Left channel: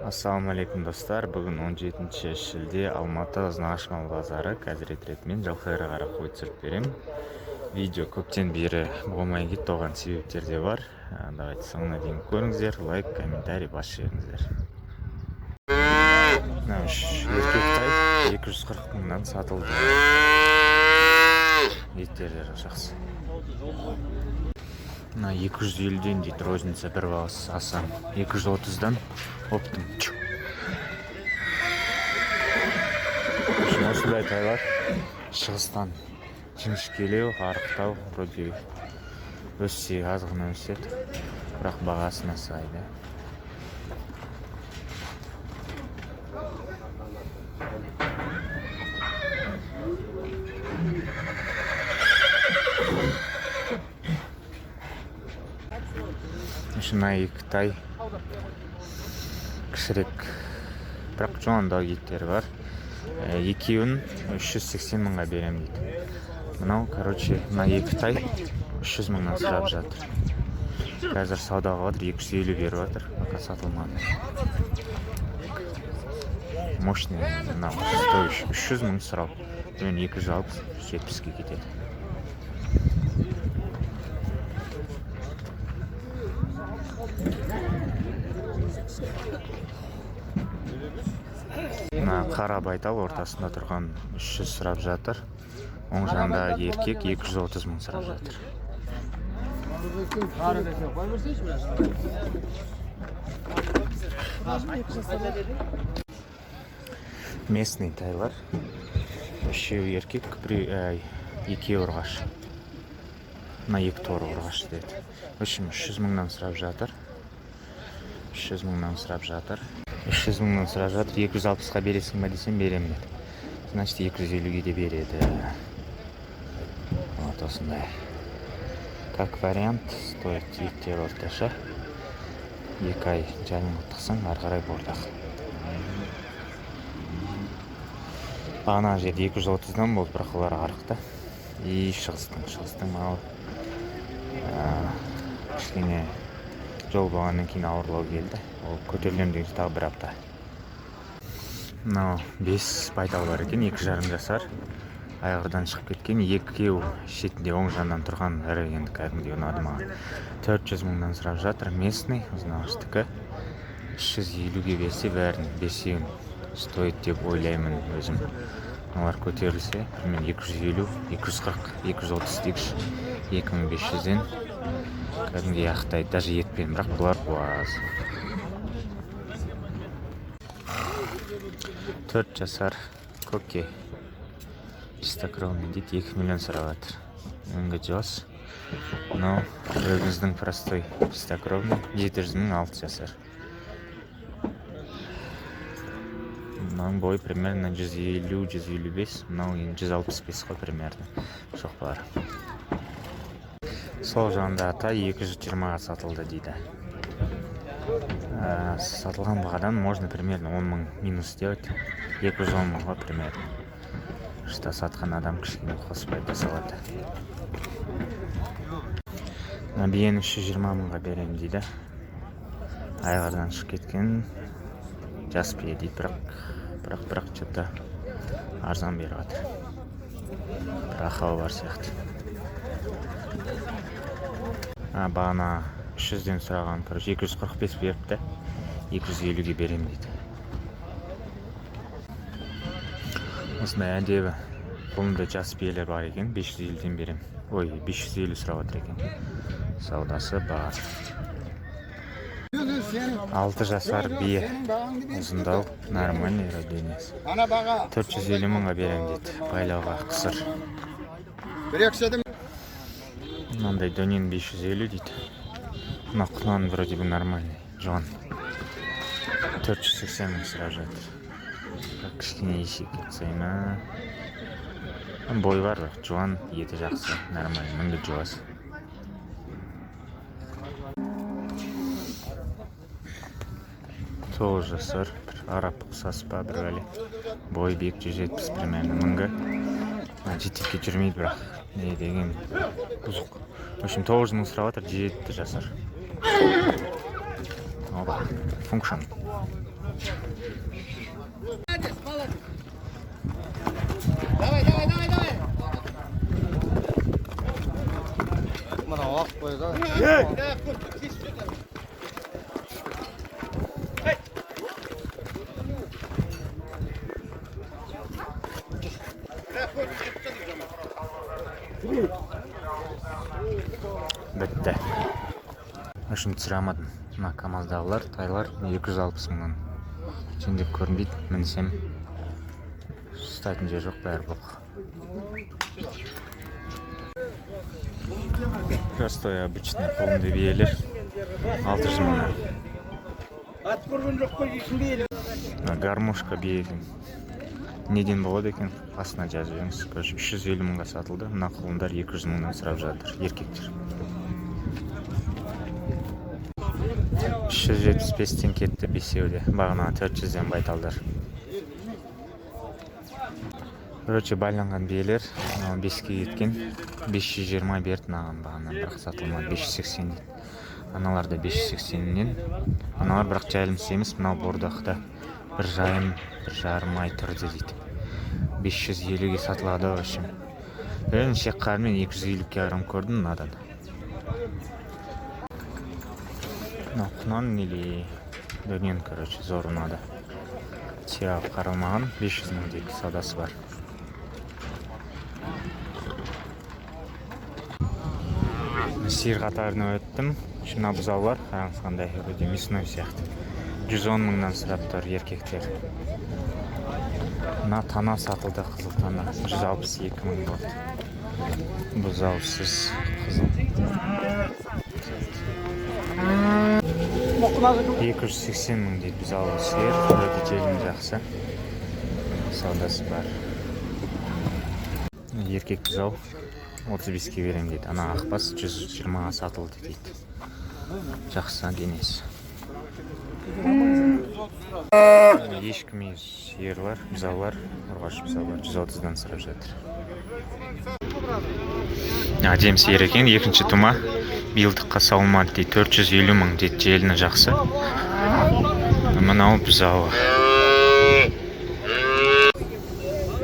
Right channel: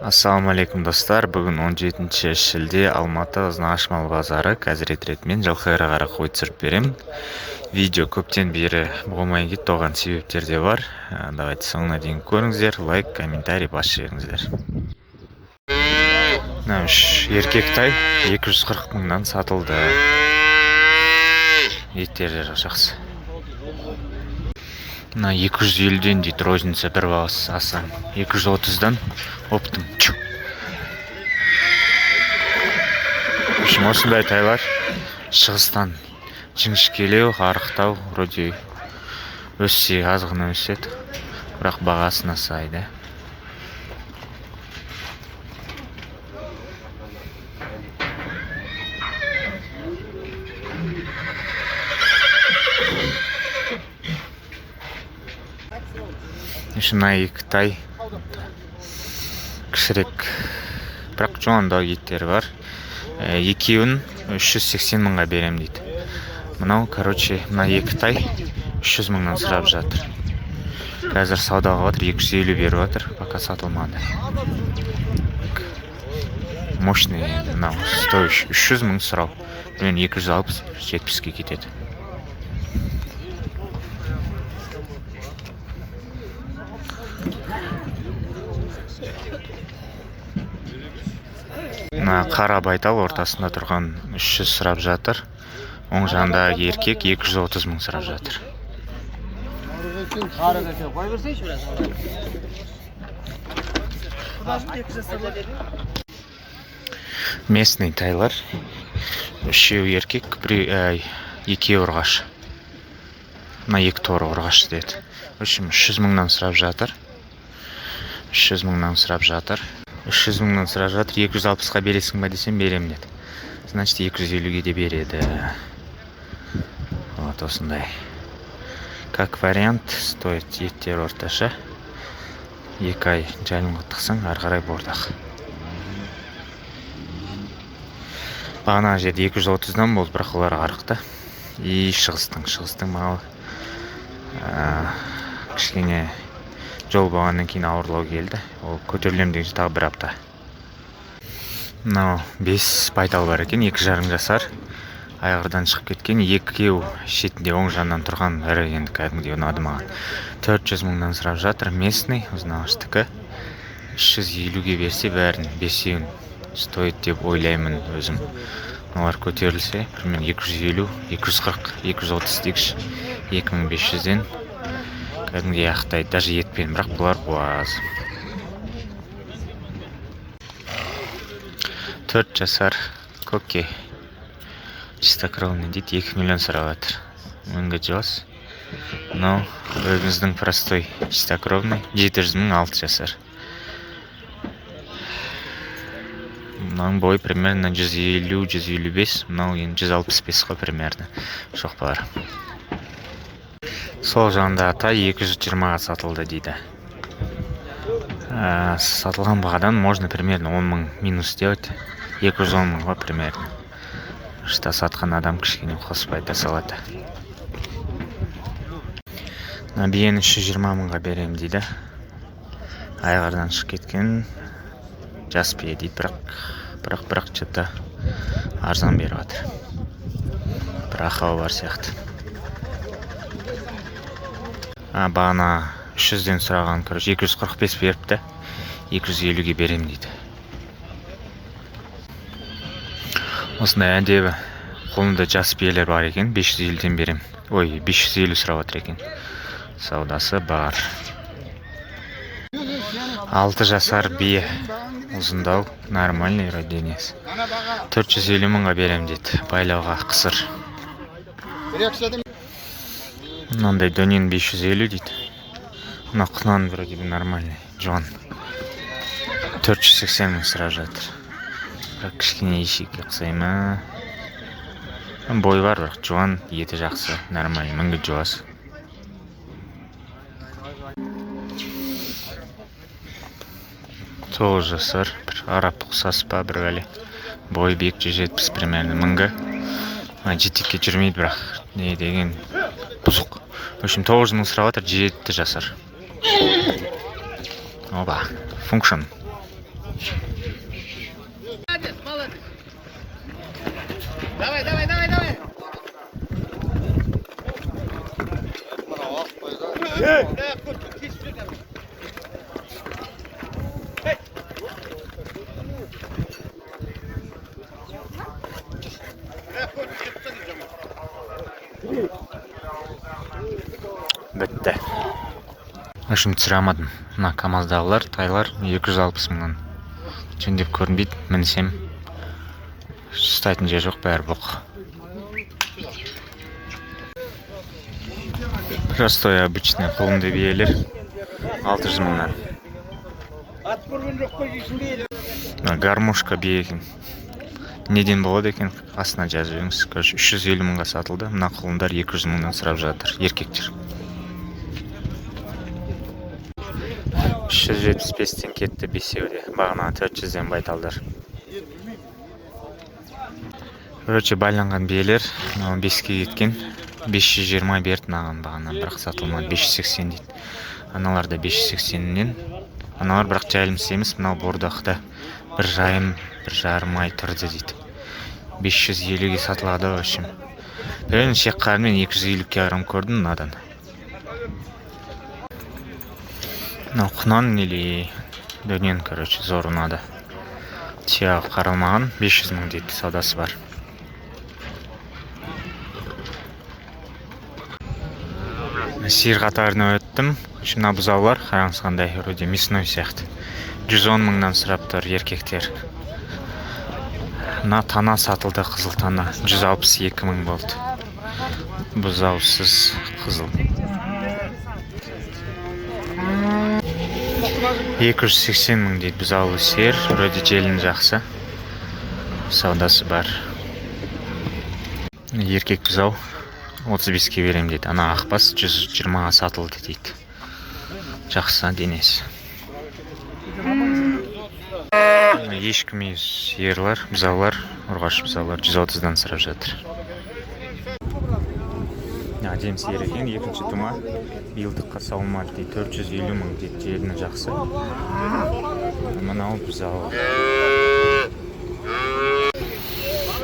Ассалаумалейкум достар. Бүгін 17 шілде Алматы Ызнааш мал базары қазірет ретмен жылқайға қара қой түсіріп беремін. Видео көптен бері болмай кетті, оған себептер де бар. Давайте соңына дейін көріңіздер, лайк, комментарий бас жіберіңіздер. Мына үш еркек тай 240 мыңнан сатылды. Еттері жақсы. Мына 250-ден дейді, розница бір бағасы асаң. 230-дан оптым. Осындай тайлар шығыстан жіңішкелеу, арықтау, вроде өссе азғына өседі, бірақ бағасына сайды. Мына екі тай кішірек, бірақ жоғанда еттері бар. Екеуін 380 мыңға берем дейді. Мынау, мына екі тай 300 мыңнан сұрап жатыр. Қазір саудаға отыр, 250 беріп отыр, пока сатылмады. Мощный, мынау стоящий 300 мың сұрау. Мен 260-70-ге кетеді. Қара байтал ортасында тұрған 300 сұрап жатыр. Оң жағында еркек 230 мың сұрап жатыр. Местный тайлар. Үшеу еркек, екеу ұрғаш. Мына екі торы ұрғаш деді. 300 мыңнан сұрап жатыр. 300 мыңнан сұрап жатыр. 300 мыңнан сұрап жатыр. 260-ға бересің ба десем берем деді. Значит, 250-ге де береді. Вот осындай. Как вариант, стоит еттер орташа. 2 ай жайылымға тықсаң, арғарай бордақ. Бағана жерде 230-дан болды, бірақ олар арықты. И шығыстың малы. Кішкене жол болғаннан кейін ауырлау келді. Ол көтерілем деген тағы бір апта. Мынау 5 байтал бар екен, 2,5 жасар. Айғырдан шығып кеткен, екеу шетінде оң жаннан тұрған ірі, енді кәдімгідей ұнады маған. 400 мыңнан сұрап жатыр. Местный, Ызнаштікі. 350-ге берсе бәрін, бесеуін стоит деп ойлаймын өзім. Олар көтерілсе, примерно 250, 240, 230 дегіш, 2500-ден кәдімгідей ақтайды, даже етпен, бірақ бұлар буаз. 4 жасар көке. Чистокровный дейді, 2 миллион сұрап жатыр. Мыңға жос. Мынау өзіміздің простой чистокровный, 700 мың 6 жасар. Мынау бой примерно 150-155, мынау 165 қой примерно. Шоқпалар. Сол жағында ата 220-ға сатылды дейді. Сатылған бағадан можно примерно 10 мың минус делать. 210 мыңға примерно. Что сатқан адам кішкене қоспайды салады. Биені 320 мыңға берем дейді. Айғырдан шығып кеткен жас бие дейді, бірақ жата арзан беріп жатыр. Бір ақау бар сияқты. Бағана 300-ден сұраған, 245 беріпті, 250-ге берем дейді. Осындай әдебі қолында жас биелер бар екен, 550-ден берем. 550 сұрап отыр екен. Саудасы бар. 6 жасар бие, ұзындау, нормальный роденец. 450 мыңға берем дейді, байлауға қысыр. Мынандай дөнен 550 дейді. Мына құнан вроде бы нормальный, жуан. 480 мың сұрап жатыр. Бірақ кішкене ешекке ұқсайма. Бой бар, бірақ жуан, еті жақсы, нормальный, мыңға жуас. Сол жасар, бір арап ұқсас па, бір ғали. Бой бек 170 примерно, мыңға. Жетекке жүрмейді, бірақ не деген бұзық. В общем, 9 мың сұрап жатыр, 7 жасар. Оба, function. Давай, давай, давай, давай. Мына ақ қойға. Бітті. Үшім түсіре алмадым. Мына КамАЗдағылар, тайлар 260 мыңнан. Жөндеп көрінбейді, мінсем ұстайтын жер жоқ, бәрі бұқ. Простой обычный қолымды биелер 600 мыңнан. Гармошка бие екен. Неден болады екен, астына жазып жеңіз. 350 мыңға сатылды. Мына құлындар 200 мыңнан сұрап жатыр, еркектер. 375-тен кетті бесеуде. Бағына 400-ден байталдар. Короче, байланған биелер 5-ке кеткен. 520 берді наған бағана, бірақ сатылмады. 580 дейді. Аналар да 580-нен. Аналар бірақ жайылымсыз емес, мынау бордақта 1,5 ай тұрды дейді. 550-ге сатылады өшім. Бірін шек қармен 250-ке арам көрдім надан. Құнан нелі дөнен, короче, зор ұнады. Тияғы қаралмаған 500 мың дейді, саудасы бар. Сиыр қатарына өттім. Мына бұзаулар қараңыз қандай, өте мясной сияқты. 110 мыңнан сұрап тұр еркектер. Мына тана сатылды, қызыл тана. 162 мың болды. Бұзаусыз қызыл. 280 мың дейді бұзаулы сиыр. Өте желін жақсы. Саудасы бар. Еркек бұзау 35-ке берем дейді. Ана ақбас 120-ға сатылды дейді. Жақсы денесі. Ешкім емес сиырлар, бұзаулар, ұрғаш бұзаулар 130-дан сұрап жатыр. Әдем сиыр екен, екінші тума. Билдыққа сауылмады дейді, 450 мың дейді, желіні жақсы. Мынау бұзауы.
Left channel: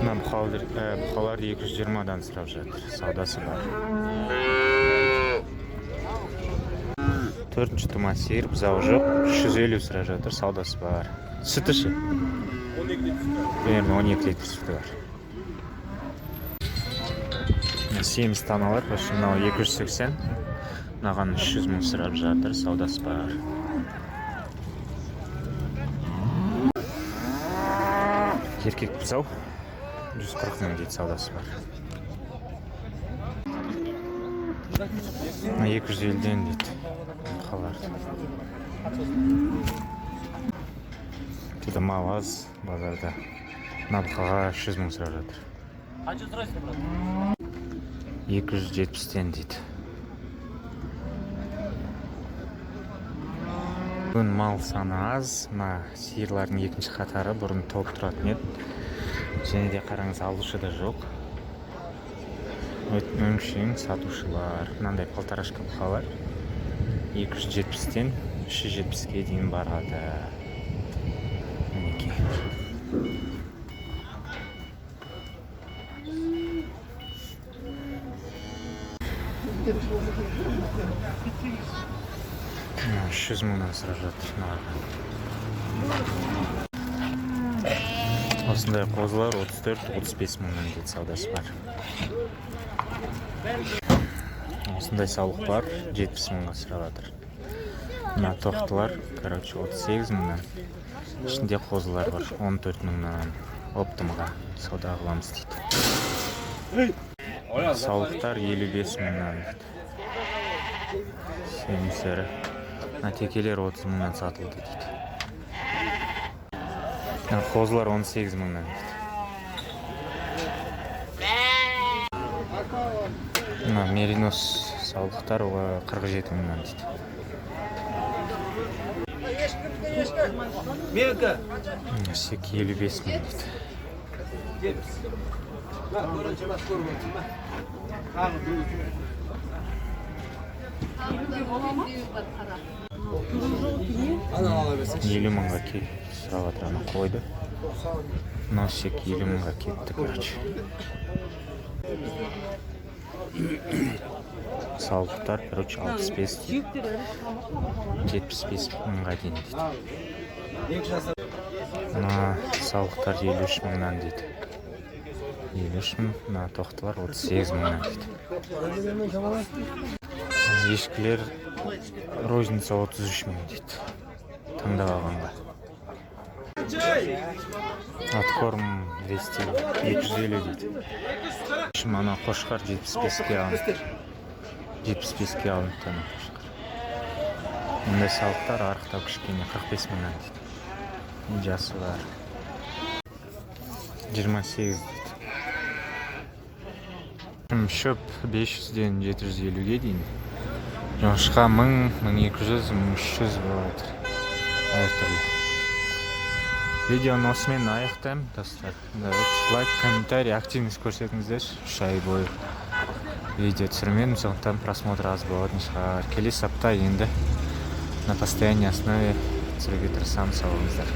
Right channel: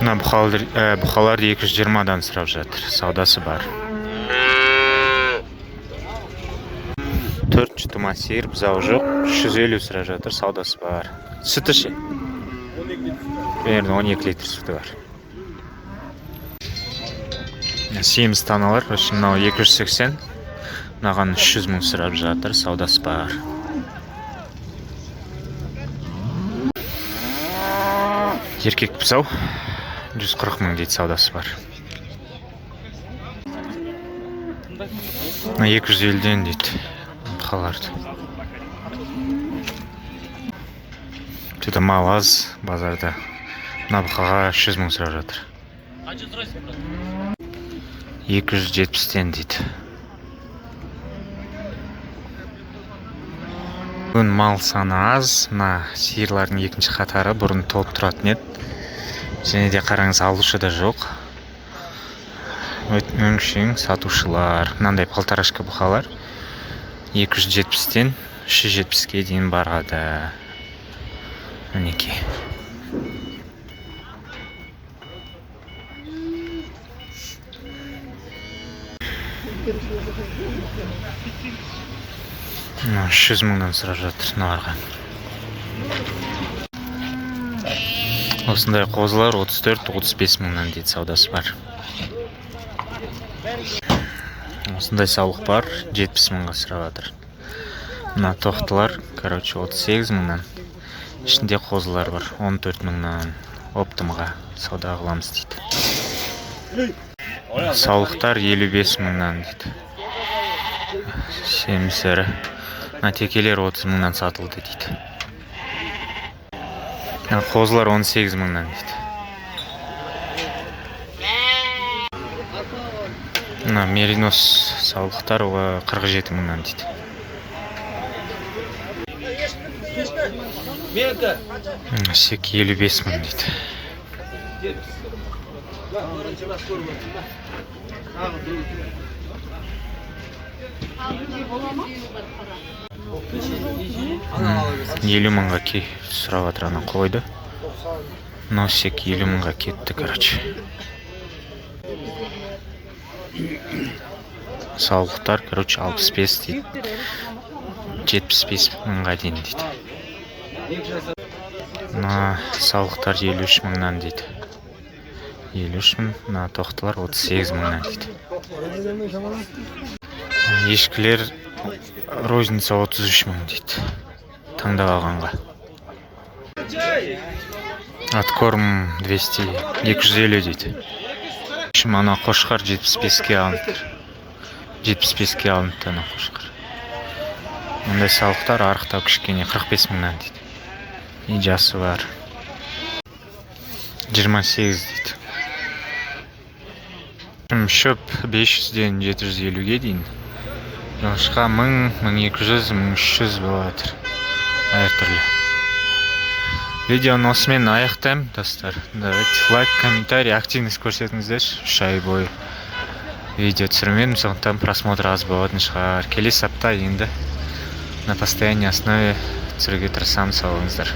Мына бұқалар 220-дан сұрап жатыр, саудасы бар. 4 тума сиыр, бұзауы жоқ, 350 сұрап жатыр, саудасы бар. Sütü şey. Примерно 12 литр sütü var. Семіз таналар, мынау 280. Мынаған 300 мың сұрап жатыр, саудасы бар. Еркек бұзау 140 мың дейді, саудасы бар. 250-ден дейді бұқаларды. Что-то мал аз базарда. Мына бұқаға 300 мың сұрап жатыр. 270-тен дейді. Бүгін мал саны аз. Мына сиырлардың екінші қатары бұрын толып тұратын еді. Және де қараңыз, алушы да жоқ. Өңшең сатушылар. Мынандай полторашка бұқалар 270-тен 370-ке дейін барады. Мінеки. Мына 300 мыңнан сұрап жатыр мыналарға. Осындай қозылар 34-35 мыңнан дейді, саудасы бар. Осындай саулық бар, 70 мыңға сұрап жатыр. Мына тоқтылар, короче, 38 мыңнан. Ішінде қозылар бар, 14 мыңнан. Оптымға сауда қыламыз дейді. Саулықтар 55 мыңнан дейді. Семсері. Мына текелер 30 мыңнан сатылды дейді. Қозылар 18 мыңнан дейді. Мына меринос саулықтар 47 мыңнан дейді. Сек 55 мың дейді. 50 мыңға сұрап жатыр, ана қойды. Носик 50 мыңға кетті, короче. Саулықтар, короче, 65 дейді. 75 мыңға дейін дейді. Мына саулықтар 53 мыңнан дейді. 53 мың, мына тоқтылар 38 мыңнан дейді. Ешкілер розница 33 мың дейді. Таңдап алғанға. Откорм 250 дейді. Ана қошқар 75-ке алынды. 75-ке алынды ана қошқар. Мұндай сауықтар арықтау кішкене 45 мыңнан дейді. И жасы бар. 28 дейді. Шөп 500-ден 750-ге дейін. Жоңышқа 1000, 1200, 1300 болады. Әртүрлі. Видеоны осымен аяқтаймын, достар. Давайте лайк, комментарий, активность көрсетіңіздер. 3 ай бойы видео түсірмедім, сондықтан просмотр аз болатын шығар. Келесі апта енді на постоянной основе түсіруге тырысамын, сау болыңыздар.